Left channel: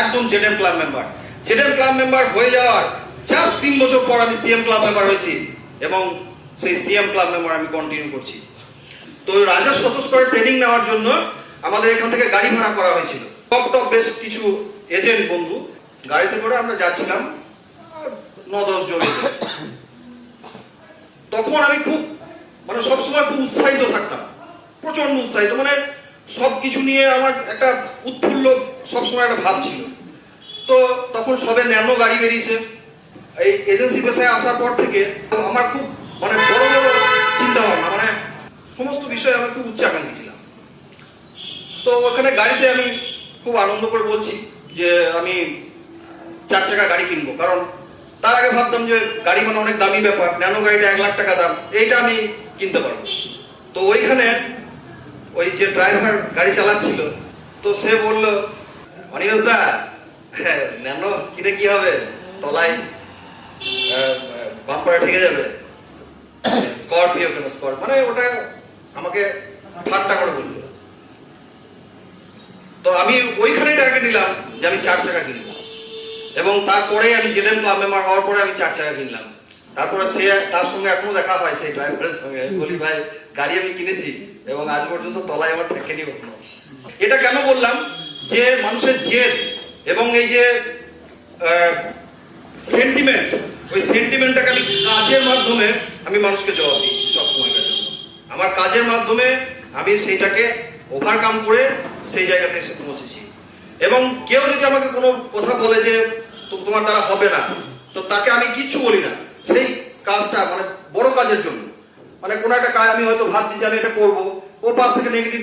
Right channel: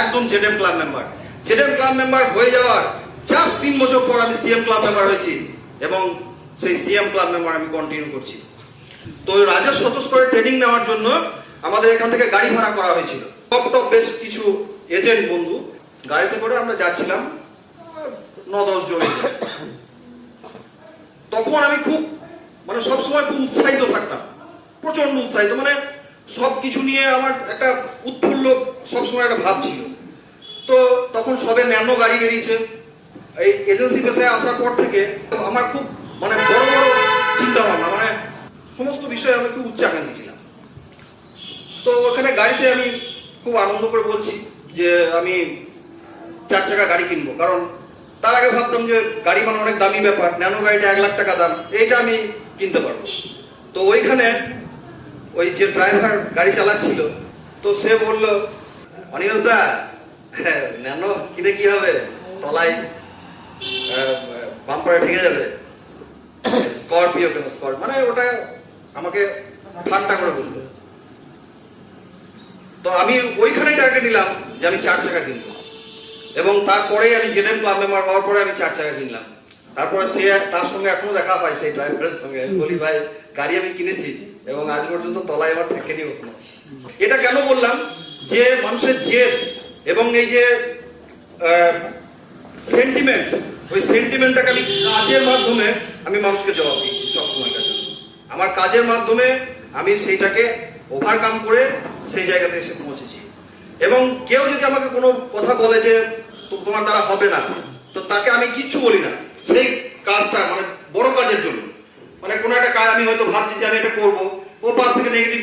একদম জেডএম club member. জেডএম club member হয়ে যাওয়ার জাস্ট 3 বছর পর আমি সিএম ক্লাব মেম্বার হয়েছি এবং সেই সিএম ক্লাব মেম্বার আমি কন্টিনিউ করছি। তো রাজস্ব স্তরে ট্রেনিং নেওয়ার জন্য আমাদের এখান থেকে গাড়ি ভাড়া করা হয়েছিল। টপ বেশ কিছু এজেন্ট বন্ধু গাড়িতে করে আমরা যাচ্ছিলাম 9-10 জন। তখন আমি খুব সবসময় খুব উৎসাহিত থাকতাম, প্রচন্ড উৎসাহিত, সবকিছু নিয়ে আমার একটা উৎফুল্ল সবসময় একটা ভাব ছিল। তো তখন সবে ন্যানো গাড়ি বেরিয়েছে। এই এজেন্সি পেশায় আসার পর থেকে আমার খুব বড় বড় চিন্তা ভাবনা, সমস্ত বিষয়ে আমি খুব উচ্চাকাঙ্ক্ষী ছিলাম। তো ওখানে গাড়িতে আমি খুব আনন্দ করে বলছি যে আমি 4 চাকা গাড়ি কিনবো, কারণ তার আগে ভাবতাম যে গাড়ি অনেক দামি ব্যাপার, ন্যানো গাড়িটা 1 লাখ টাকা দাম, এইটা আমি কিনতে পারবো। তো ওইখানে ওই যে ড্রাইভার গাড়ি চালাচ্ছিল, তো সে বললো, অনিমেষ দা, ন্যানো কিনে কি হবে, তলায় বাম্পারে ঠেকে যাবে, স্করপিও কেন, ওটা আমাকে ঠাট্টা করে বললো। তো আমি ওইখানে টার্গেট নিলাম যে আমি 4 চাকা কিনবো, এবং তারপরে আমি জেডএম ক্লাব মেম্বার হওয়ার পরে আমি 4 চাকা কিনলাম। তারপরে তার সঙ্গে এখনো দেখা হয়, সেই ড্রাইভারের সঙ্গে। আমি বলি, ভাই গাড়ি আমি কিনেছি এবং আজ পর্যন্ত তলায় আমার ঠেকেনি কখনো। এটা কেন বললাম, যে মানুষের জেদ এবং এই যে সেন্টিমেন্ট, ওই সেন্টিমেন্টটাকে আমি কাজের মাধ্যমে আমি মানুষকে জবাব দিয়েছি সবসময়কার জন্য। আমার কাজের মাধ্যমে আমি সেইটাকে ওভারকাম করে সেই জায়গাতে এসে পৌঁছেছি। এবং কেউ যদি আমাকে কোনো কথা বলে যে তোমার দ্বারা হবে না, তো তাকে আমি কিচ্ছু বলি না। সেই কাজটা বড় কাজের জন্য, কোনো একটা কাজ আমি হয়তো ভাবছি যে আমি এটা করবো, ওর পাশ থেকে নেগেটিভ,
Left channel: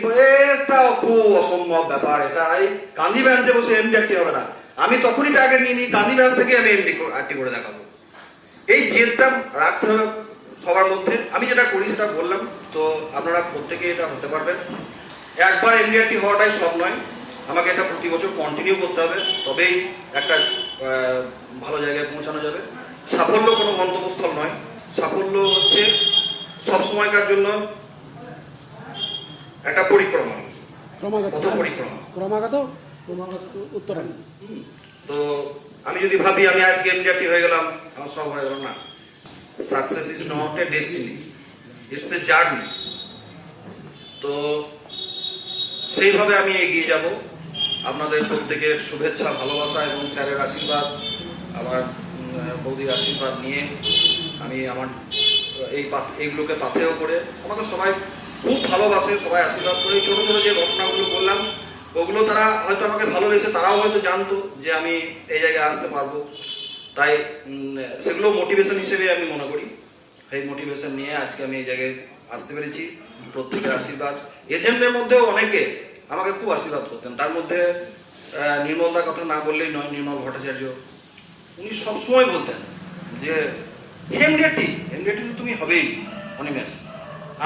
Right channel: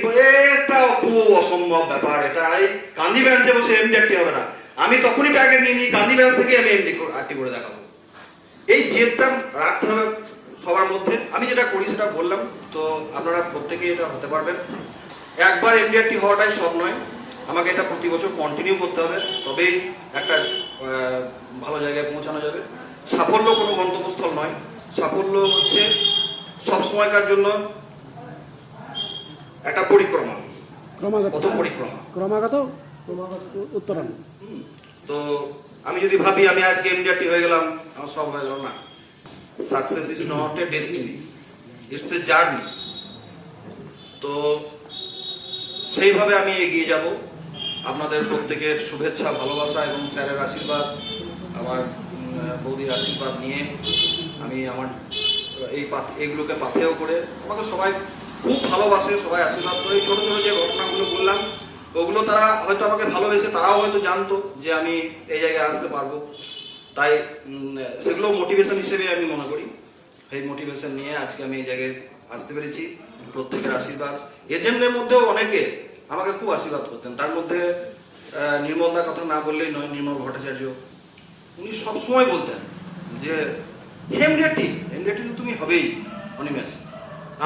এটা খুব অসম্ভব ব্যাপার, এটা এই গান্ধী ব্রাঞ্চে বসে এমডি একটি হবে না। আমি তখনই টার্গেট নিয়ে নিই, গান্ধী ব্রাঞ্চ থেকে আমি এমডি একটি করে দেখাবো। এই জেদটা রাখতে হবে সবার মধ্যে। আমি যেটা করি সেটা বললাম, তো আপনারা প্রত্যেকে এটা হতে পারবেন। একবার এমডি একটি হওয়াটাই সব নয়, আমাকে এটা প্রতি বছর কন্টিনিউ করতে হবে, তবেই একটা ভালো জায়গায় পৌঁছানো যাবে। সাফল্য কোনো গন্তব্যস্থল নয়, সাফল্য হচ্ছে সবসময়কার জন্য একটা পরিক্রমা, ক্রমাগত উত্তরণ। তো আমি যদি ভাবি আমি আজকে এমডিআরটি হয়ে গেলাম, আমার সব হয়ে গেল না। Success is not a destiny, it's a journey. তো সেইভাবে আমি এগিয়ে যাব। আপনাদের প্রত্যেকের শুভেচ্ছা, ভালোবাসা এবং স্যারের আশীর্বাদ, আমার বৌদির আশীর্বাদ নিয়ে আমি আমার এইগুলোকে পাথেয় করে, আমাকে সবাই খুব ভালোবাসে, সবাই আশীর্বাদ করে। ছোট ছোট যে ঘটনাগুলো বললাম, ওগুলো তারা হয়তো আমাকে ভালোবেসে, তারাও হয়তো জানতো যে আমি এই জায়গায় আসতে পারবো। তাই সেগুলো মোটিভেশন হিসেবে আমি মনে করি। সেই মোটিভেশন নিয়ে আজকে আমি এই জায়গায় আসতে পেরেছি, প্রত্যেকের আশীর্বাদ। এজেন্টের মধ্যেও অনেকে আমাকে খুব আশীর্বাদ করতেন। তার মধ্যে নির্মলদার কথা না বললেই নয়, নির্মল ভট্টাচার্য, উনি সবসময় বলতেন যে এমডিআরটি তো তুমি হবেই অনিমেষ।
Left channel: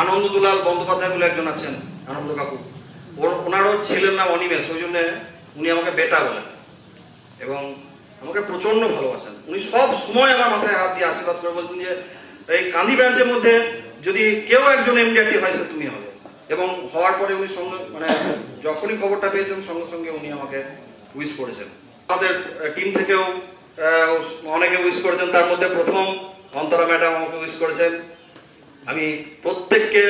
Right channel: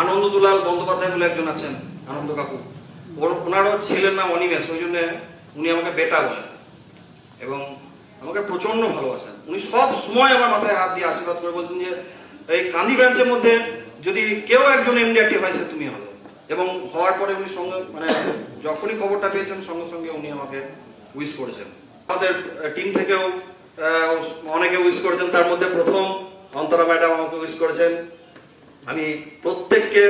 আনন্দ দুলাল বন্দ্যোপাধ্যায় বলে একজন আছেন, আনন্দ কাকু, ওনারও ছেলের নাম অনিমেষ, ওই জন্য উনি আমাকে বেটা বলেন এবং আমাকে প্রচন্ড ভালোবাসেন। উনি সব সময় আমার মাথায় হাত দিয়ে আশীর্বাদ করে বলতেন যে এই কান্দি ব্রাঞ্চের মধ্যে যদি কেউ একজন এমডিআরটি হয়, সে তুমি হবে। এবং হওয়ার পরে উনি সঙ্গে যখনই খবরটা পেয়েছেন, সঙ্গে সঙ্গে উনি আমাকে উইশ করেছেন। আমাদের টিম থেকেও অনেকে উইশ করেছেন, তার মধ্যে প্রথম অন্তরা ম্যাডাম আমাকে উইশ করেছেন। আমি প্রত্যেককে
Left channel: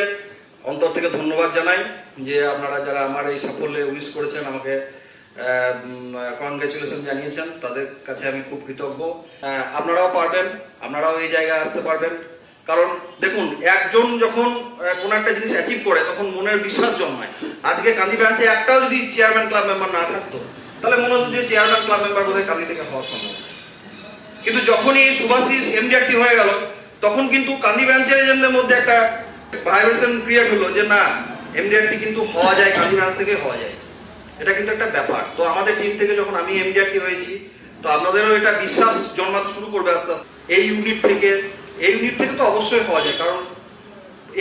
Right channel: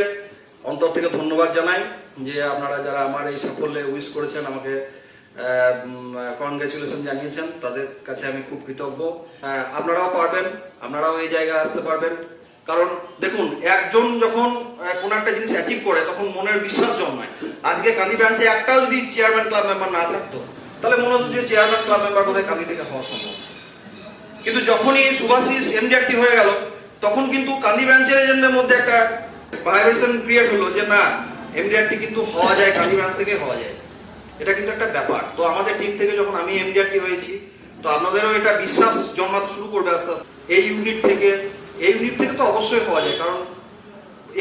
অন্তর থেকে ধন্যবাদ জানাই যে আপনারা যারা আমার এই সাফল্যে উইশ করেছেন, আমাকে কনগ্রেচুলেশন জানিয়েছেন, তাদের কাছে আমি খুব কৃতজ্ঞ। আপনারাও পারবেন, আপনারাও এই জায়গায় আসতে পারবেন। কারণ দেখুন, একজন যখন কোন একটা জিনিস অ্যাচিভ করে, তখন মনের বিশ্বাস জন্মায়। আজকে কান্দি ব্রাঞ্চে একটাও যদি চেয়ারম্যান ক্লাব মেম্বার না থাকতো, তাহলে মনে হতো যে চেয়ারম্যান ক্লাব মেম্বার বোধহয় কান্দি থেকে হওয়া সম্ভব। কিন্তু যখনই সুভাষিস এমডিআরটি হয়ে গেল, তখন কিন্তু কান্দি ব্রাঞ্চের এজেন্টদের মধ্যে একটা ভাইব্রেশন ক্রিয়েট হলো যে না, এমডিআরটি কিন্তু হওয়া যায়, কান্দি ব্রাঞ্চ থেকে হওয়া যায়। এটা কিন্তু একটা ব্যাপার। তো আমাদের টিম থেকে যখন আমি এমডিআরটি হয়েছি, তো আপনাদেরও এটা বিশ্বাস জন্মাতে শুরু করবে আস্তে আস্তে। এই ইউনিট থেকে তো অবশ্যই হওয়া যায়, কারণ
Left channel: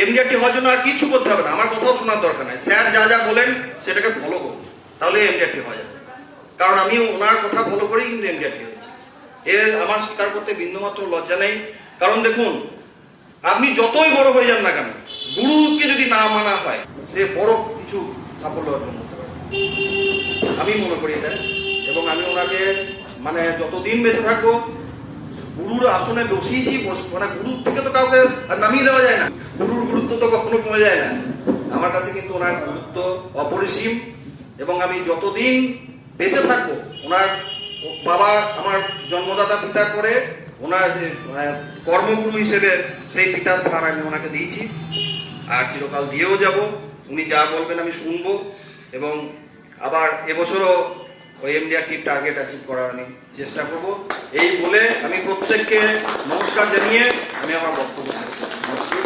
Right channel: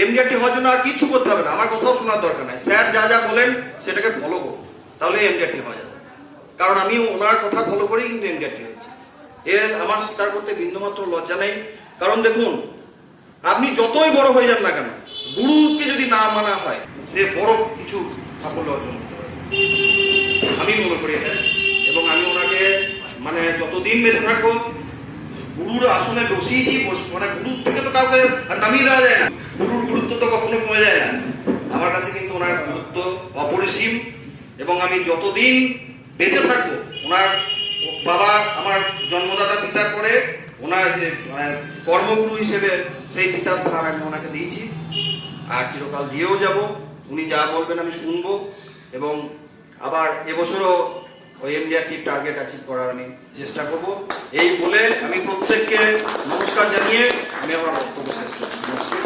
এমডিআরটি হওয়ার জন্য আর কিছু করতে হবে না, আমার কথাও শোনার দরকার নাই। স্যার যা যা বলেন সেটাকে ফলো করুন, তাহলে এমডিআরটি হওয়া যাবে। কারণ আমি ওনার কথা ফলো করেই কিন্তু এমডিআরটি হয়েছি। এর আমার স্বীকার করতে বিন্দুমাত্র লজ্জা নেই। কারণ দেখুন, আপনি যতই বড় হয়ে যান না কেন, গুরুকে যদি না মানা হয়, সে বড় কিছু সাফল্য অর্জন করতে পারে, আমি মনে করি এটা। এবং আমি ওনাকে মানে যতদিন বেঁচে থাকবো গুরুর আসনে বসিয়েছি, মানে গুরুর থেকে তো কাউকে নামিয়ে দেওয়া যায় না, গুরুর গুরুত্ব তো কখনো কমে যায় না। আমার কাছে কিন্তু ওনার গুরুত্ব অপরিসীম এবং আমি যতদিন বেঁচে থাকবো ওনার বাবা আমার জন্মদাতা পিতার পরে ওনার যে কর্মগুরু হিসেবে সেই পিতাস্থান আমি ওনাকে দিয়েছি আর চিরকাল দিয়েও যাব। উনি যা বলবেন আমি শুনবো এবং আবার এবছরও ওই এমডিআরটির টার্গেট অ্যাচিভ করার আমি চেষ্টা করব। এই বলে আমি প্রত্যেককে নমস্কার জানিয়ে আমি আমার বক্তব্য শেষ করছি।